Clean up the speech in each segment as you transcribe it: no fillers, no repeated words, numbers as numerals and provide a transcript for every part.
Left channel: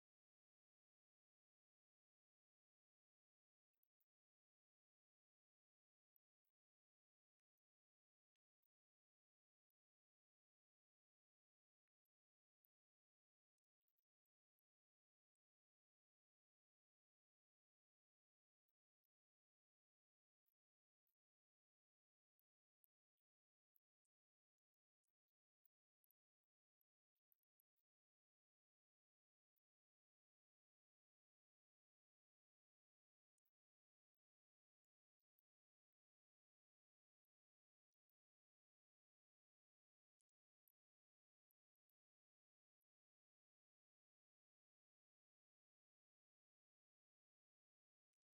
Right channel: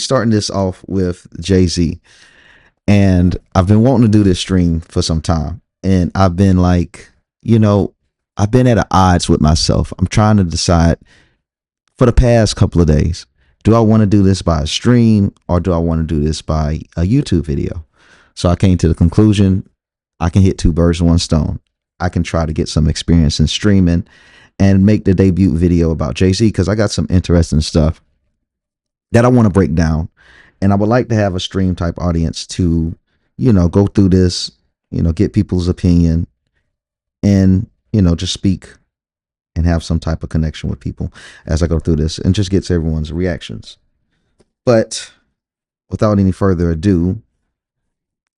starting this off with Jay-Z. And I've been wanting to do this stream for some time. And I've been like, you know, I've been at odds with myself. I'm trying to decide for the past couple of days, do I want to do this by a stream or do I want to do this by a YouTube video? So I came to the conclusion I can hit two birds with one stone. I can try to get some experience in streaming and make the debut video about Jay-Z because I got some interesting stuff that I want to break down. And I would like to have a stream type audience to, go through this, get people's opinion and, just speak and have some type of connection with people as I go through this and just gets everyone's reactions. But without any further ado,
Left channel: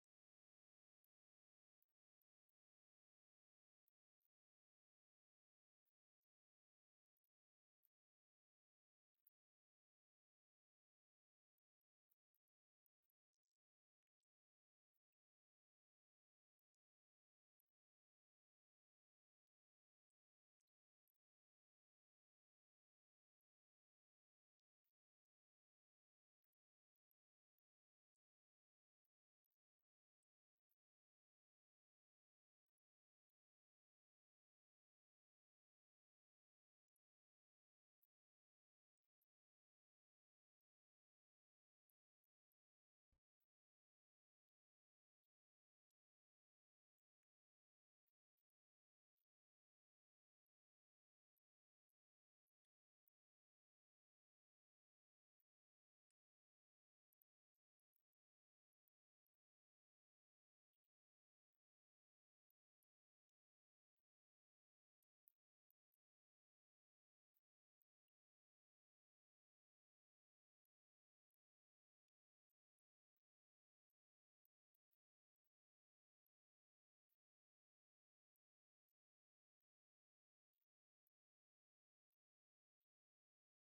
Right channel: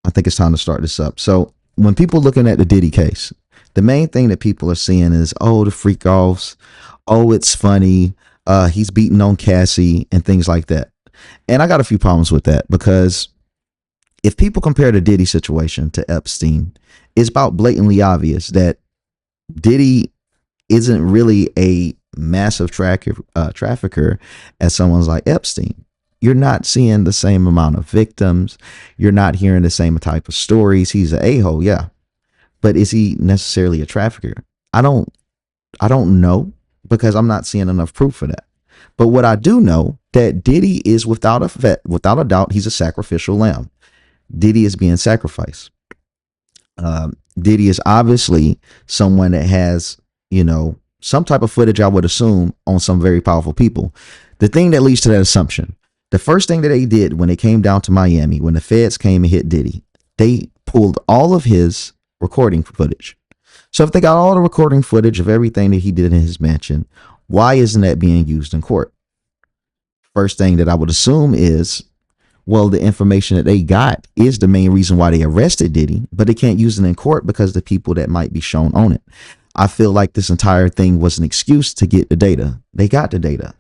I think it's time to start this up. So when people looking at the Diddy case, the main thing that people are seeing is, oh, the freak offs. Oh, it's funny. He's beating on Cassie and things like that. And I got a few problems with that because if people compare the Diddy situation to Epstein, it's about blatantly obvious that Diddy isn't really a massive trafficker as someone's like Epstein. You're not seeing the same amount of victims. You're not hearing the same type of stories. He's an a-hole, yeah. But is he necessarily a trafficker? I don't know because I'm not seeing enough proof for that. But what I do know that Diddy is without a doubt, he's a sacrificial lamb. Diddy is being sacrificed. Diddy is obviously someone that has, some type of footage, I would assume, on some very powerful people. The thing that leads to that assumption, the first thing that they did when they came down to Miami, when the feds came and hit Diddy, they pulled all of his recording footage. So if they got all the recording footage of everything that he did in his mansion, why isn't that being used in court? First thing that I would assume is, well, the information that they got is the main reason why they arrested Diddy, but they can't use it in court because the people that might be shown on it. I feel like this entire thing was an excuse to get the data. They got the data.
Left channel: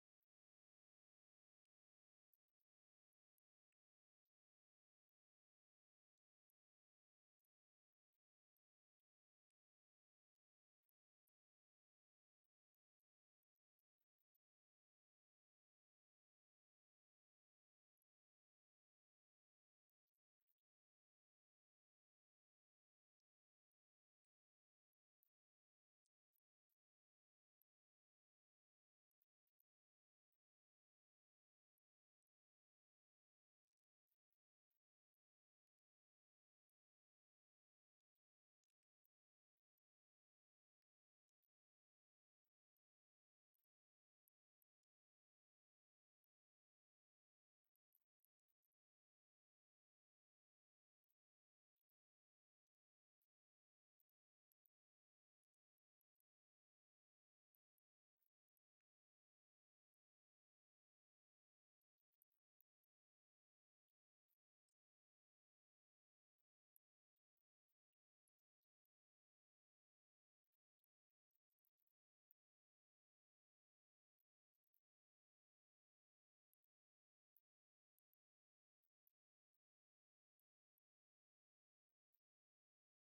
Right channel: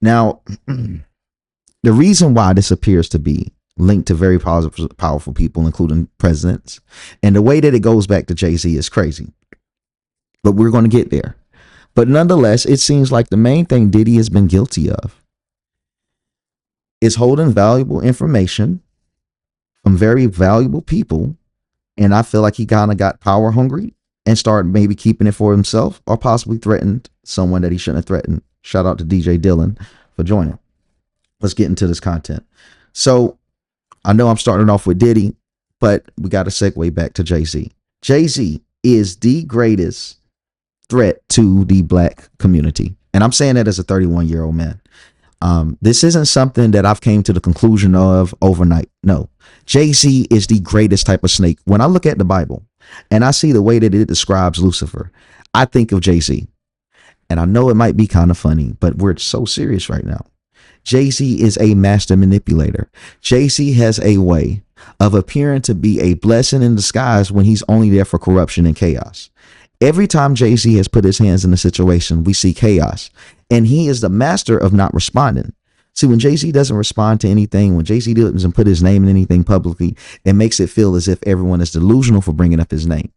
Now, the reason why this appears to be linked to very powerful people, including presidents, and the way that it goes back to Jay-Z is crazy. But we're going to get there. But nonetheless, it seems like the main thing Diddy has been guilty of is holding valuable information from very valuable people. And I feel like he kind of got power hungry and started maybe keeping it for himself or possibly threatened someone that he shouldn't have threatened. Shout out to DJ Dylan for joining. Let's get into this content. So I know I'm starting off with Diddy, but we got to segue back to Jay-Z. Jay-Z is the greatest threat to the black community. And I'm saying that as a 31-year-old man. This isn't something that I've came to the conclusion of overnight. No, Jay-Z is the greatest type of snake. When I look at the Bible and I see the way that it describes Lucifer, I think of Jay-Z. And I know it might be kind of funny, but we're so serious right now. Jay-Z is a master manipulator. Jay-Z has a way of appearing to be a blessing in disguise when he's only there for corruption and chaos. Every time Jay-Z has put his hands in a situation, we see chaos. And he is the master of not responding. See, when Jay-Z doesn't respond to anything, when Jay-Z doesn't put his name in anything publicly, it makes it feel as if everyone is delusional for bringing up his name.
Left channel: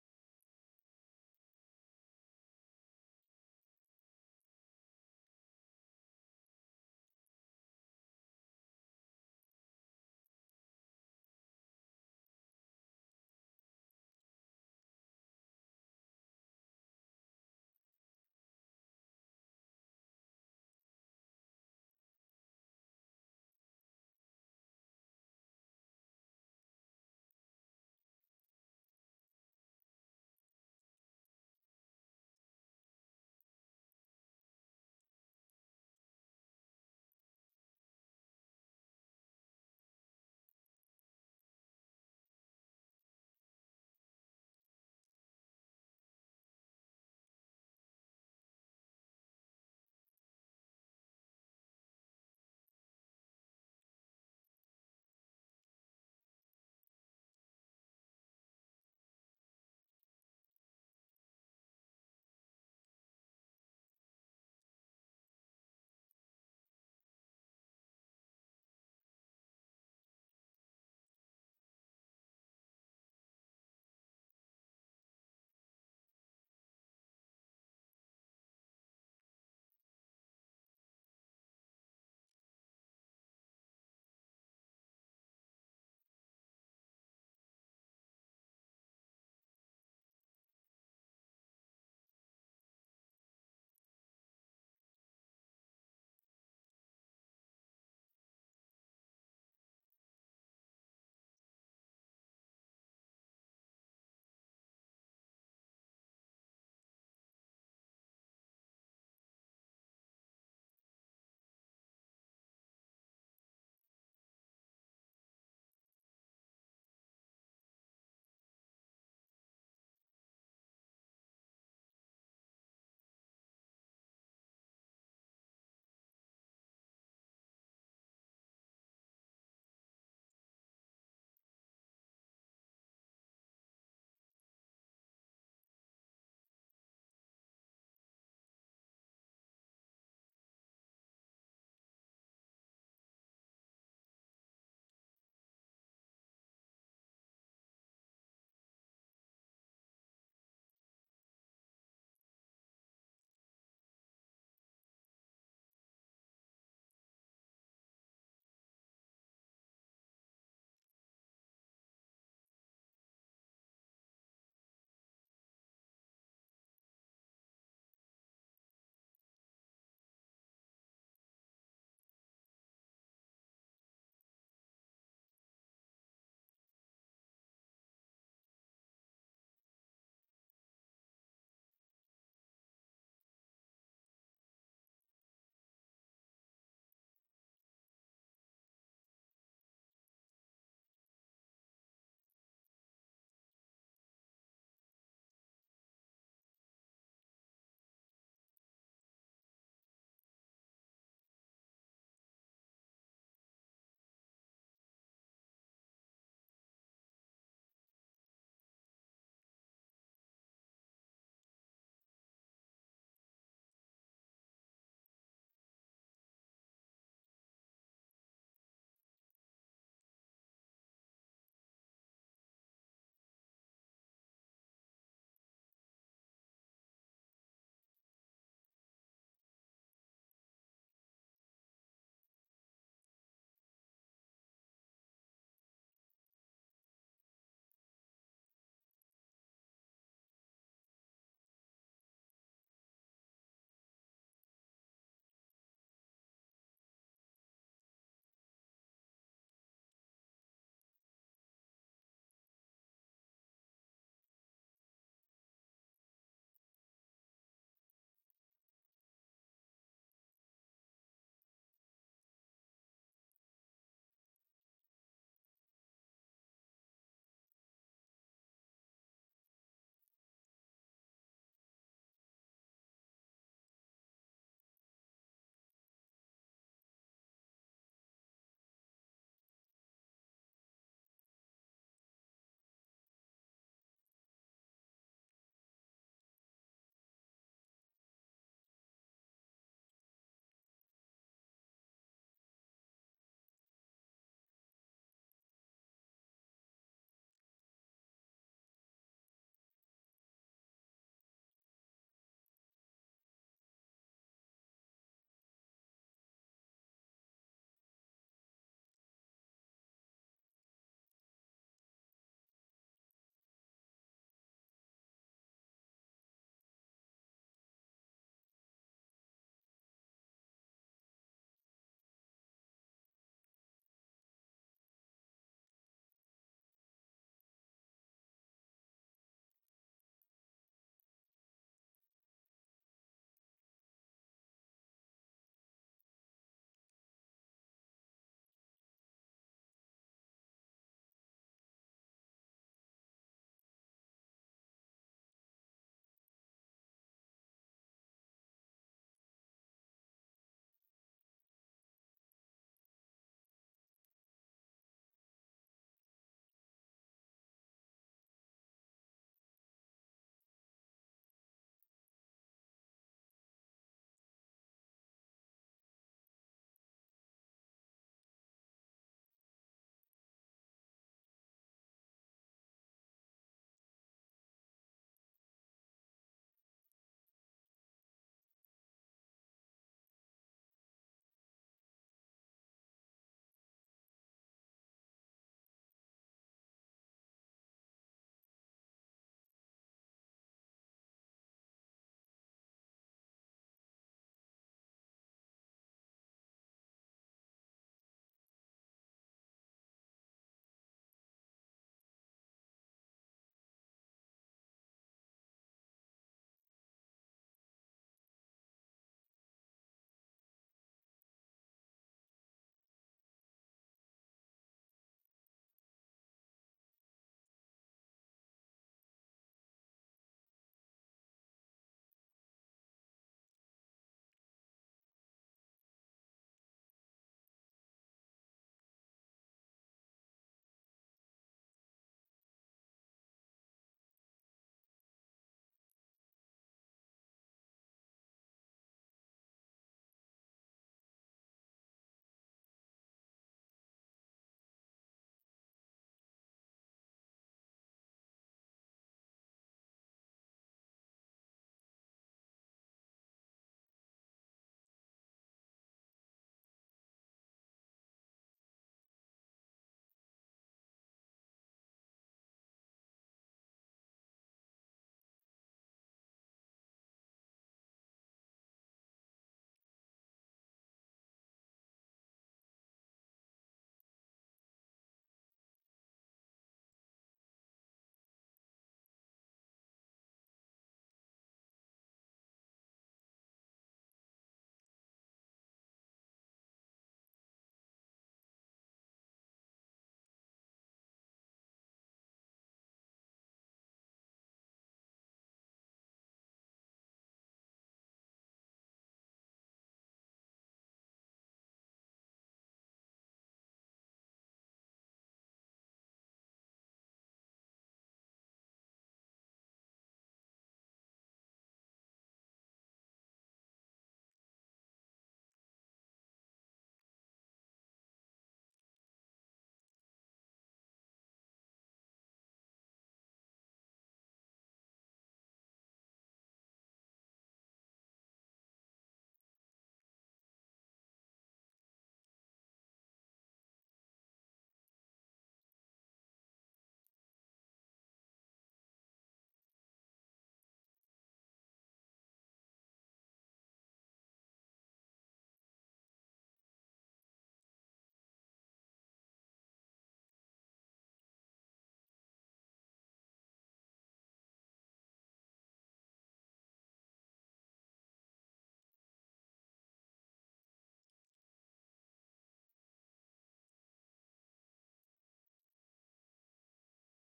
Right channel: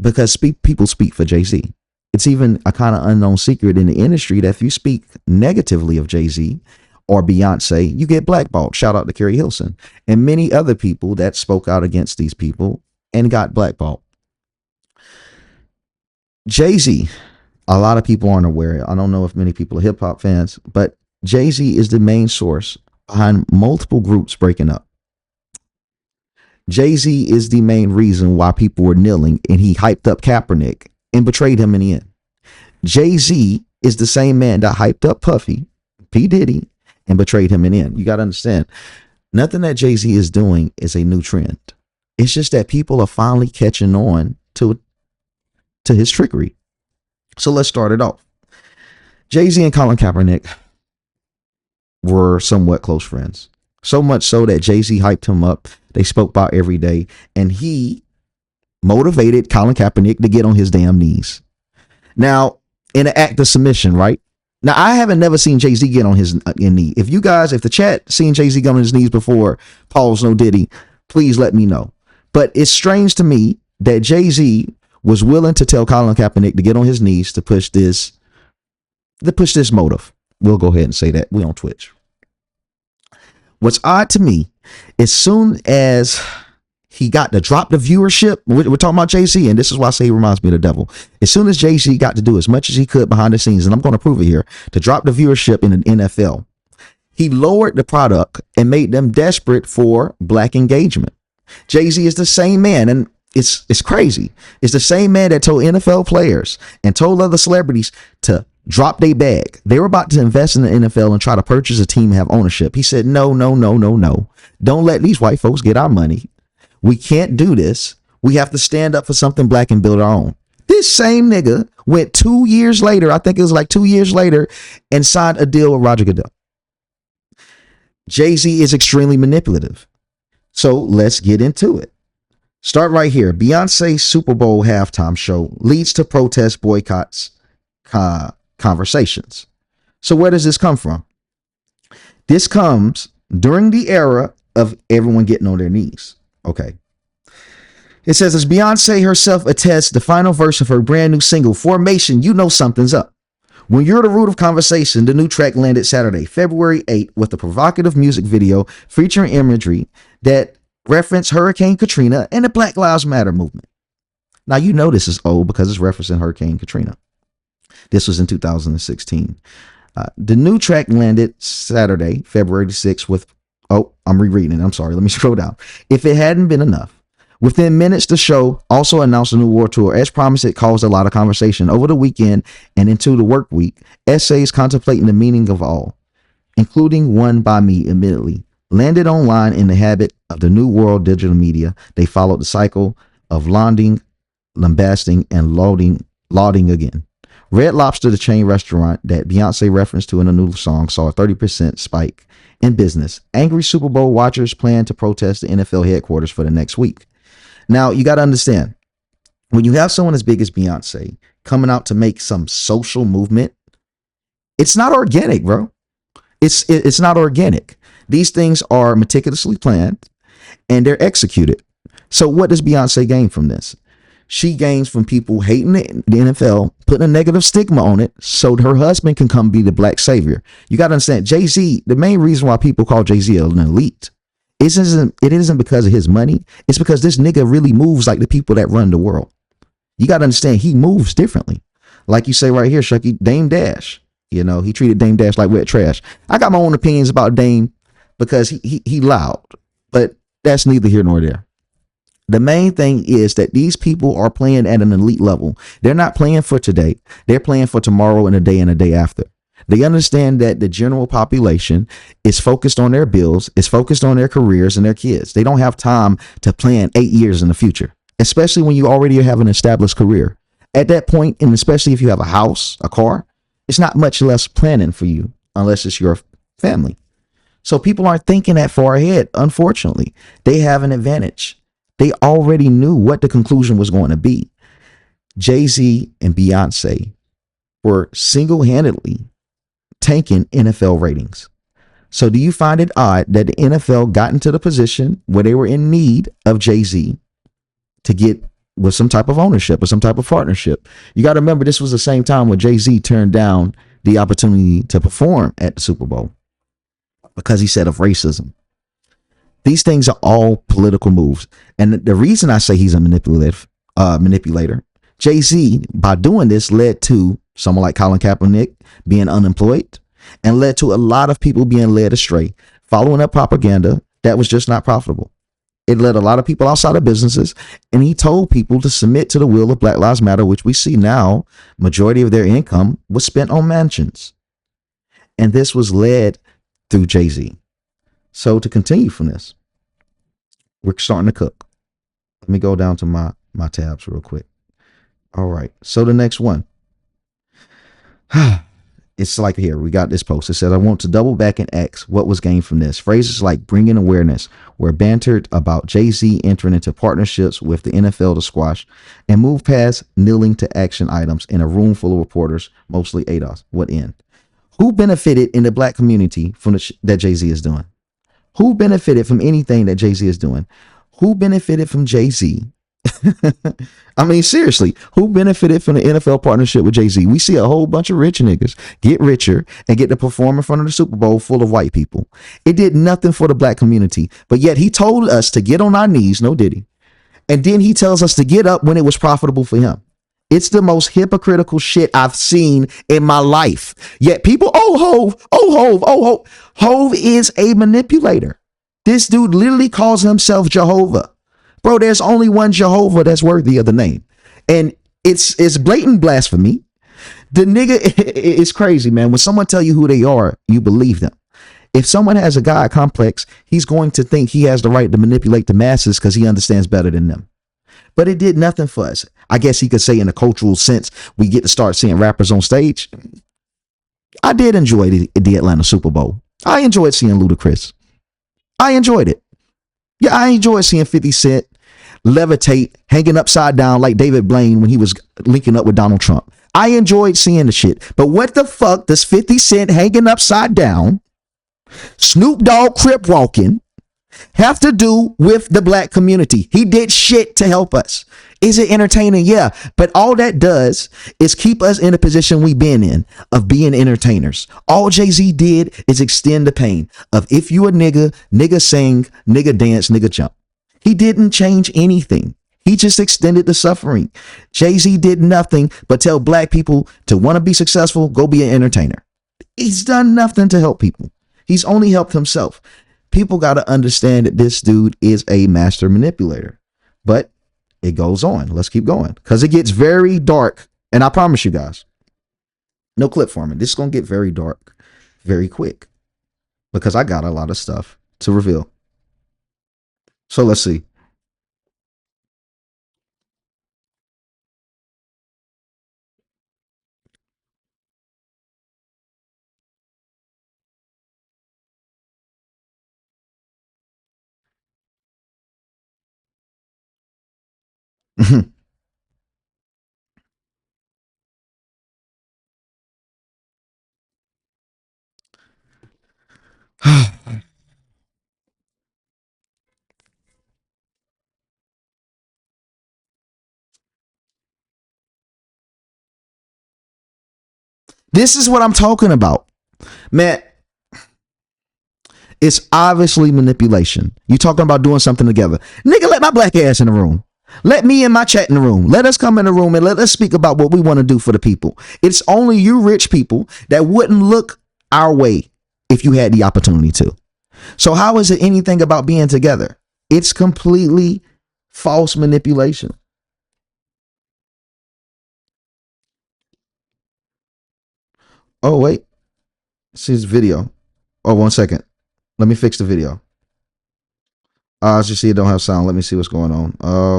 Because people speak for Jay-Z. It's even a kind of unknown secret in the industry that if you speak negatively of Jay-Z or Beyonce, you get blackballed. Shout out to Carrie Hilson and many other people that spoke out against these people and got blackballed. Jay-Z, a lot of people aren't aware. I don't know if many people are hip hop fans, but Jay-Z is the main source behind multiple groups breaking up. Jay-Z is the main reason why people were kneeling and he hyped up Kaepernick and betrayed him in the end. Jay-Z is the same man that hyped up Puffy, P. Diddy, and betrayed him in the end. You got to understand, nothing that Jay-Z is doing is a new trend. It's just that people are finally catching on to his trickery. So let's start it off. Jay-Z and Colin Kaepernick were somewhat close friends. So much so that Jay-Z hyped him up. They spoke about every day. And he motivated Colin Kaepernick to get on his damn knees. Now, in an act of submission, right? Now, I haven't never seen Jay-Z get on his knee. If the chat seen Jay-Z get on his knees before, Paul's No Diddy, please let me know. But it's strange to me that Jay-Z was willing to tell Colin Kaepernick to get on his knees to push this motive. We'll go ahead and say that. We on Twitch. What's odd to me, as soon as he got to drop the viewership, we're talking about Jay-Z, and this is why I say he reminds me of the devil. As soon as Jay-Z got to do as much as he could behind the scenes, and I'm going to prove it here, to drop the viewership in the NFL, he lowered the product and made them desperate for black engagement. Jay-Z is the same man, and it's crazy. It's the same man that told NFL players and told other celebrities to drop their bag. They were about to invest in the NFL and try to purchase a team and have ownership. He said, no, no, no, no, no. Don't let these white folks get our money. We can't do this. We have to stand up for something black and build our own. This same nigga went 2 years later, I think it was like 2 years later, and signed a deal with Roger Goodell. Jay-Z is extremely manipulative. So let's get into it. Start right here. Beyonce's Super Bowl halftime show leads to protest boycotts conversations. So where does this come from? This comes during the era of everyone getting on their knees. Okay. It says, as Beyonce herself attests the final verse of her brand new single, Formation, you know something's up. When you're the root of conversation, the new track landed Saturday, February 8th, with a provocative music video featuring imagery that referenced Hurricane Katrina and the Black Lives Matter movement. Now, you know this is old because it's referencing Hurricane Katrina. This was in 2016. The new track landed Saturday, February 6th with, I'm rereading it. I'm sorry. Let me scroll down. If it hadn't been enough, within minutes, the show also announced a new world tour. As promised, it caused a lot of conversation over the weekend and into the work week. Essays contemplating the meaning of all, including one by me admittedly, landed online in the habit of the new world digital media. They followed the cycle of lauding, lambasting, and lauding again. Red Lobster, the chain restaurant that Beyonce referenced to in a new song, saw a 30% spike in business. Angry Super Bowl watchers plan to protest the NFL headquarters for the next week. Now, you got to understand, when you have someone as big as Beyonce coming out to make some social movement, it's not organic, bro. It's not organic. These things are meticulously planned and they're executed. So what does Beyonce gain from this? She gains from people hating the NFL, putting a negative stigma on it so her husband can come be the black savior. You got to understand, Jay-Z, the main reason why people call Jay-Z an elite, it isn't because of his money. It's because this nigga really moves like the people that run the world. You got to understand, he moves differently. Like you say right here, Shucky, Dame Dash. You know, he treated Dame Dash like wet trash. I got my own opinions about Dame because he loud, but that's neither here nor there. The main thing is that these people are playing at an elite level. They're not playing for today. They're playing for tomorrow and a day after. They understand that the general population is focused on their bills, is focused on their careers and their kids. They don't have time to plan 8 years in the future, especially when you already have an established career. At that point, and especially if you have a house, a car, it's not much less planning for you unless it's your family. So people aren't thinking that far ahead. Unfortunately, they have an advantage. They already knew what the conclusion was going to be. Jay-Z and Beyonce were single-handedly tanking NFL ratings. So do you find it odd that the NFL got into the position where they were in need of Jay-Z to get with some type of ownership or some type of partnership? You got to remember, this was the same time when Jay-Z turned down the opportunity to perform at the Super Bowl because he said of racism. These things are all political moves. And the reason I say he's a manipulator, Jay-Z, by doing this, led to someone like Colin Kaepernick being unemployed and led to a lot of people being led astray, following up propaganda that was just not profitable. It led a lot of people outside of businesses, and he told people to submit to the will of Black Lives Matter, which we see now, majority of their income was spent on mansions. And this was led through Jay-Z. So to continue from this, we're starting to cook. Let me go down to my tabs real quick. All right. So the next one. It's like here, we got this post. It says, I want to double back and ask what was gained from this. Phrases like bringing awareness were bantered about Jay-Z entering into partnerships with the NFL to squash and move past kneeling to action items in a room full of reporters, mostly ADOS. What end? Who benefited in the black community from that Jay-Z is doing? Who benefited from anything that Jay-Z is doing? Who benefited from Jay-Z I mean, seriously, who benefited from the NFL partnership with Jay-Z? We see a whole bunch of rich niggas get richer and get to perform in front of the Super Bowl full of white people. It did nothing for the black community, but yet he told us to get on our knees, no Diddy. And then he tells us to get up when it was profitable for him. It's the most hypocritical shit I've seen in my life. Yet people, oh, Hove, oh, Hove, oh, Hove. Hove is a manipulator. This dude literally calls himself Jehovah. Bro, there's only one Jehovah that's worthy of the name. And it's blatant blasphemy. The nigga is crazy, man. When someone tell you who they are, you believe them. If someone has a God complex, he's going to think he has the right to manipulate the masses because he understands better than them. But it did nothing for us. I guess he could say in a cultural sense, we get to start seeing rappers on stage. I did enjoy the Atlanta Super Bowl. I enjoyed seeing Lucre. I enjoyed it. Yeah, I enjoyed seeing 50 Cent levitate, hanging upside down like David Blaine when he was linking up with Donald Trump. I enjoyed seeing the shit. But what the fuck does 50 Cent hanging upside down, Snoop Dogg crip walking, have to do with the black community? He did shit to help us. Is it entertaining? Yeah. But all that does is keep us in the position we've been in of being entertainers. All Jay-Z did is extend the pain of if you a nigga, nigga sing, nigga dance, nigga jump. He didn't change anything. He just extended the suffering. Jay-Z did nothing but tell black people to want to be successful, go be an entertainer. He's done nothing to help people. He's only helped himself. People got to understand that this dude is a master manipulator. But it goes on. Let's keep going because it gets very dark. And I promise you guys, no clip for me. This is going to get very dark very quick because I got a lot of stuff to reveal. So let's see. This is what I'm talking about, man. It's obviously manipulation. You talking about doing something together. Nigga, let my black ass in the room. Let me and my chat in the room. Let us come in the room and let us speak about what we want to do for the people. It's only you rich people that wouldn't look our way if you had the opportunity to. So how is it anything about being together? It's completely false manipulation. Oh, wait. See this video. Oh, 1 second. Let me fix the video. As you see, it don't have sound. Let me see what's going on.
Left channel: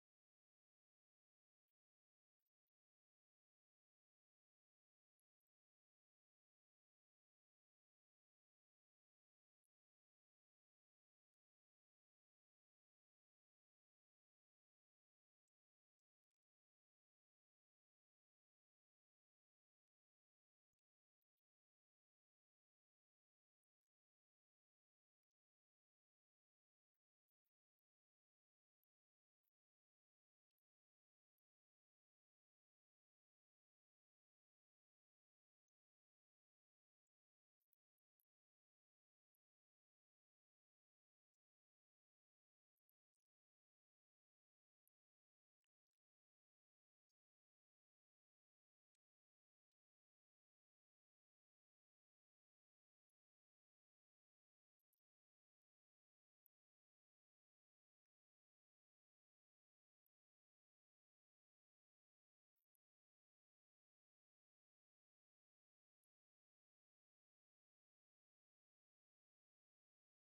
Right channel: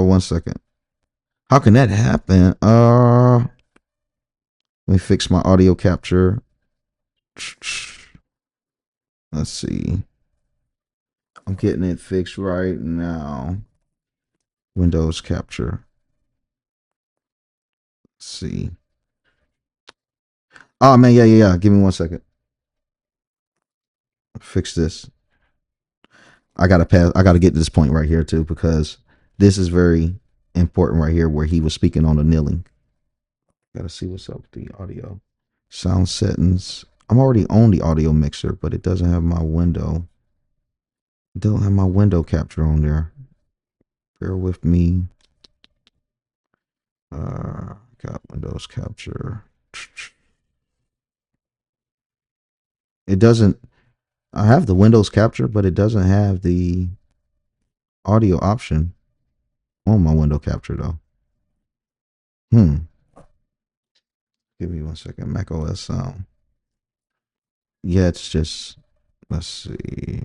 1 second. How can that happen? Let me fix my audio capture. Let's see. I'm getting it fixed right now. Windows capture. Let's see. Oh man, yeah. Give me 1 second. Fix this. I gotta get to this point right here too, because this is very important right here where he was speaking on the kneeling. Gotta see what's up with the audio. Sound settings. I'm already on the audio mixer, but it doesn't have my window. It don't have my window capture on there. Bear with me. Got Windows capture. It doesn't. I have the Windows capture, but it doesn't have the audio option on my window capture though. Give me 1 second. Mac OS sound. Yeah, it's just, let's see.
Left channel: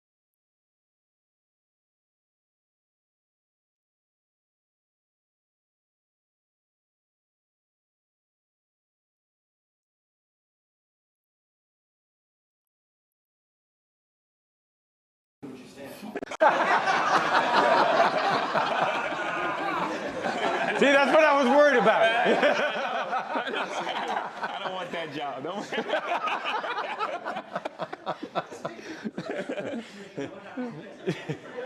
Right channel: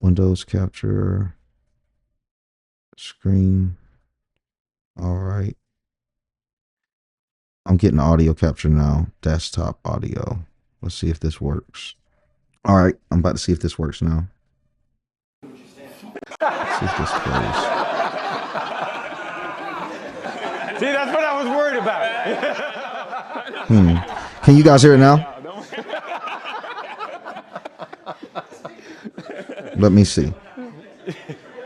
Windows capture. Screen. All right. I'm getting audio capture now. Desktop audio. Let's see if this works. All right. I'm about to see if this works now. See, that's what I was worried about. Can you guys hear it now? Let me see.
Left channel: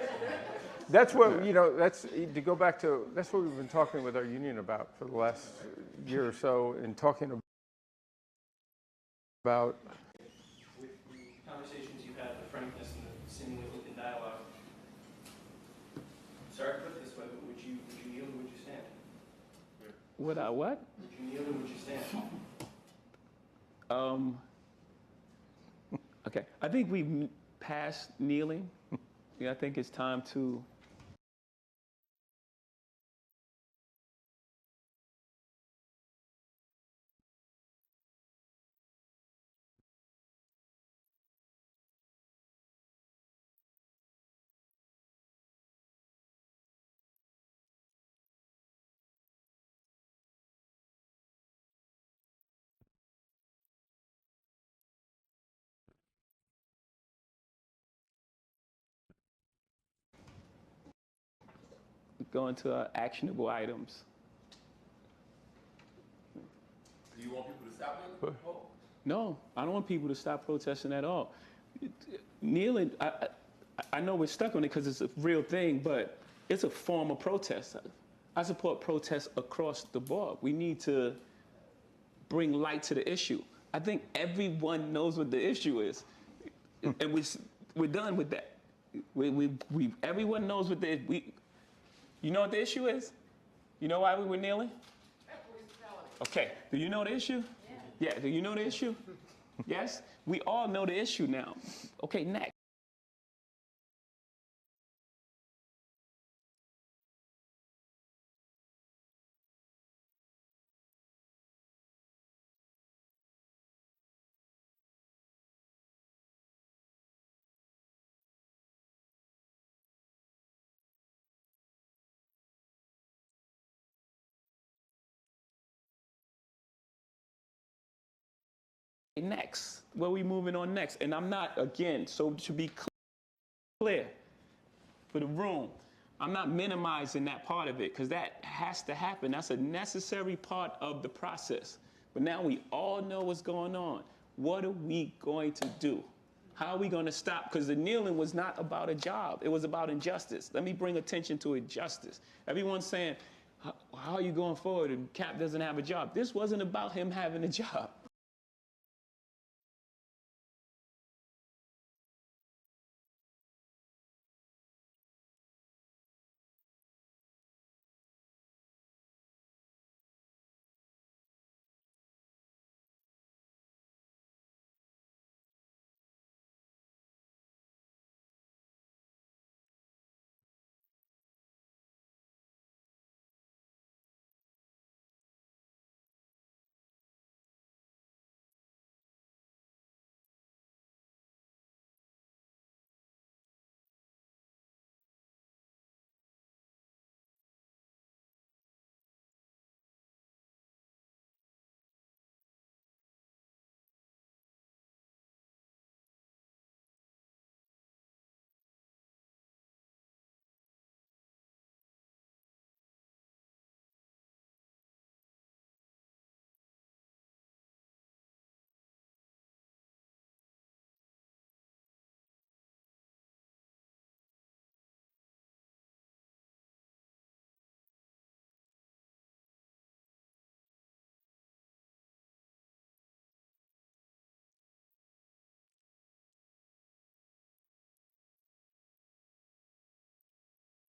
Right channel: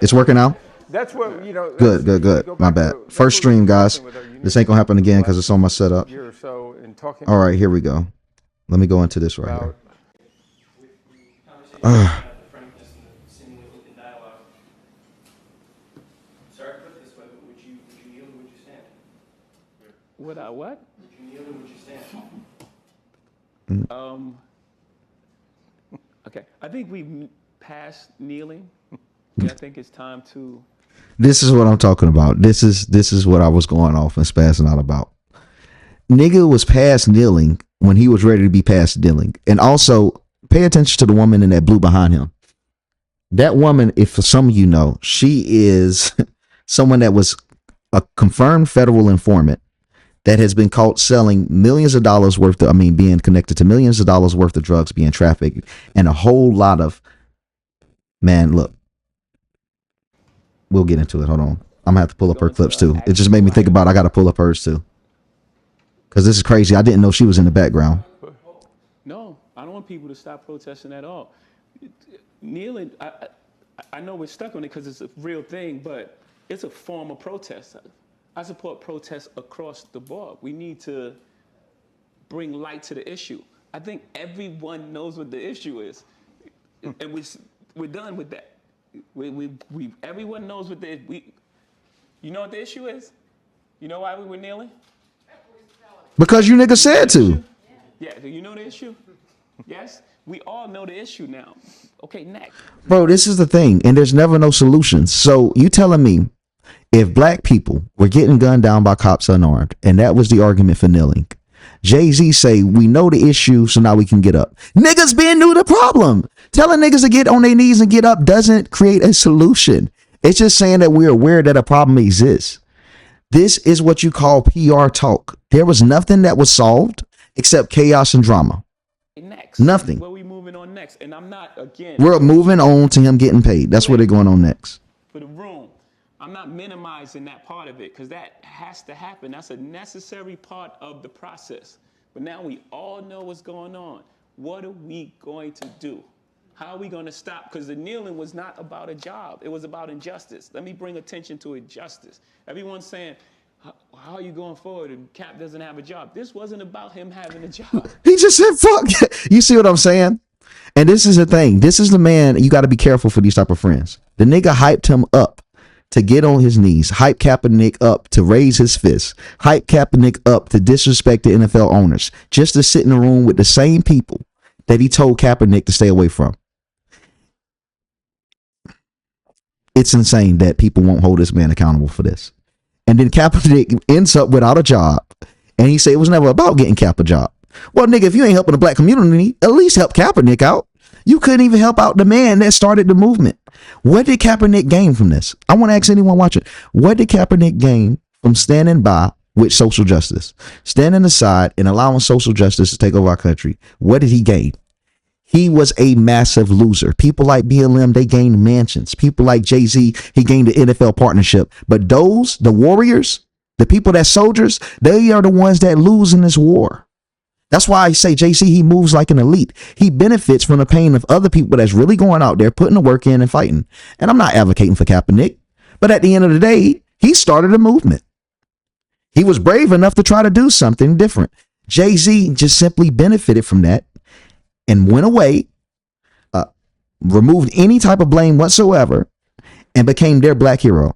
It's working now? That's what, you know. Good. My bad. First stream, guys. This ain't gonna happen again because it's on my setup. Year or so in talking. All right, here we go. Let me go into this right about here. The frankness and the seemingly open dialogue. Sorry to put it this way, but would you kneel or would you stand? Would I what? Would you kneel or would you stand? Okay. I think we've passed kneeling. I think it's time to. This is what I'm talking about. This is what I was going off and spazzing out about. Nigga was past kneeling when he was ready to be past kneeling. And also, pay attention to the woman in that blue behind him. That woman, if for some of you know, she is someone that was a confirmed federal informant that has been caught selling millions of dollars worth of, being connected to millions of dollars worth of drugs being trafficked and a whole lot of, man, look, we'll get into it. Hold on. I'm gonna have to pull up her clips too. It just made me think about I got to pull up hers too. Because this is crazy. I didn't know she was in the background. No, I don't want people to stop protesting at all. Kneeling, I know we're stuck on it because it's a real thing, but it's a form of protest. I support protests across the board. We need to bring light to the issue. I think everyone knows what the issue is, and we're done with that. Everyone knows what you know what the issue is? You know why we were kneeling? Because you niggas said to. Yeah, do you know the issue? Yes? We all know the issue now. Okay, next. Bro, this is the thing, and there's never no solution. So you telling me if black people were getting gunned down by cops unarmed, and that was the argument for kneeling, Jay-Z say, we know the issue, so now we can get up. Niggas been knew the problem. Telling niggas to get on their knees and get up doesn't create a solution. It's just saying that we're aware that a problem exists. This is what you call PR talk. There was nothing that was solved except chaos and drama. Next. Nothing. Where we moving on next? And I'm not, again. We're moving on to him getting paid. That's where they're going on next. For the room. I'm not minimizing that part of it because that has to happen. That's a necessary part of the process. But now we all know what's going on. What are we going to do? How are we going to stop? Because the kneeling was not about a job. It was about injustice. Let me bring attention to injustice. Everyone's saying, how are you going forward? And Cap doesn't have a job. This wasn't about him having a job. He just said, fuck. You see what I'm saying? And this is the thing. This is the man. You got to be careful for these type of friends. The nigga hyped him up to get on his knees, hype Kaepernick up to raise his fist, hype Kaepernick up to disrespect the NFL owners, just to sit in a room with the same people that he told Kaepernick to stay away from. It's insane that people won't hold this man accountable for this. And then Kaepernick ends up without a job. And he said it was never about getting Cap a job. Well, nigga, if you ain't helping the black community, at least help Kaepernick out. You couldn't even help out the man that started the movement. What did Kaepernick gain from this? I want to ask anyone watching, what did Kaepernick gain from standing by with social justice? Standing aside and allowing social justice to take over our country. What did he gain? He was a massive loser. People like BLM, they gained mansions. People like Jay-Z, he gained the NFL partnership. But those, the warriors, the people that soldiers, they are the ones that lose in this war. That's why I say Jay-Z, he moves like an elite. He benefits from the pain of other people that's really going out there, putting the work in and fighting. And I'm not advocating for Kaepernick, but at the end of the day, he started a movement. He was brave enough to try to do something different. Jay-Z just simply benefited from that and went away, removed any type of blame whatsoever, and became their black hero.